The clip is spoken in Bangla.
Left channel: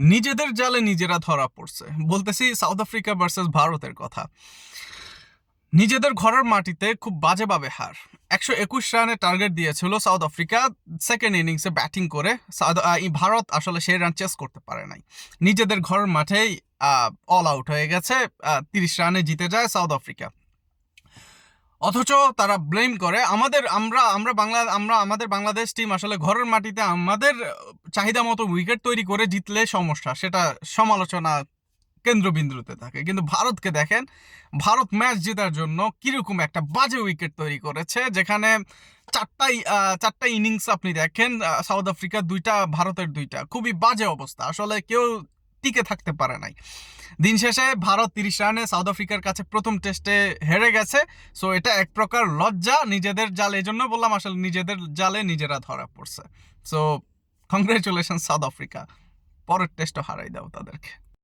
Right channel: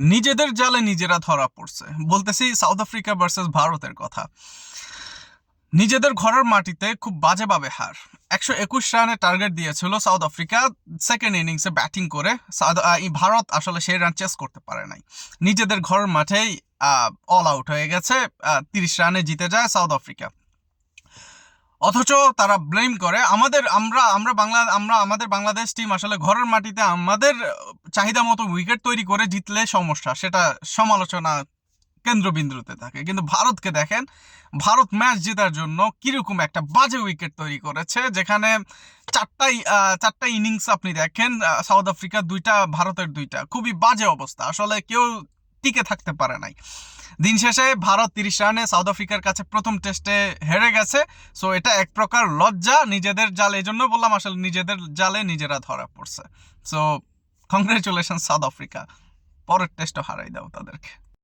নিজেদের জালে নিজেরা ধরা পড়ছে। বলতেছি সাউথ আফ্রিকা ভার্সেস ভারতের কথা। নিজেদের ঘরের মাটিতে খুব বাজেভাবে হার। 121 রানে টার্গেট দিয়েছিল সাউথ আফ্রিকা সেকেন্ড ইনিংসে ব্যাটিং করে। ভারত আসলে সেই রান চেস করতে পারে নাই। নিজেদের ঘরের মাঠেই অল আউট হয়ে গেছে। 30 রানে জিতে যায় সাউথ আফ্রিকা। অথচ তারা ব্লেম করে আমাদের আমরা আমরা বাংলা আমরা আমাদের বাংলাদেশ টিম আসলে ঘরের মাটিতে আমাদের চাহিদা মতো উইকেট তৈরি করে জিতলে সমস্যা, সেটা সমালোচনা কেন্দ্রবিন্দুতে থাকে। কিন্তু ভারতকে দেখেন, ভারত ম্যাচ জেতার জন্য কিরকম একটা বাজে উইকেট তৈরি করেছে, যেখানে চারটা ইনিংস আপনি দেখেন, সাউথ আফ্রিকার দুইটা, ভারতের দুইটা, খুবই বাজে অবস্থা। আসলে কেউ টিকে থাকতে পারে নাই। দিন শেষে ভারত 30 রানে সাউথ আফ্রিকার কাছে প্রথম টেস্টে হেরে গেছে। সো এটা এক প্রকার লজ্জা নিজেদের জালে। এই জন্য বললাম আসলে নিজেদের জালে নিজেরা ধরা পড়ছে। সো কংগ্রেচুলেশন সাউথ আফ্রিকা, পরের টেস্টও হারাই দাও তাদেরকে।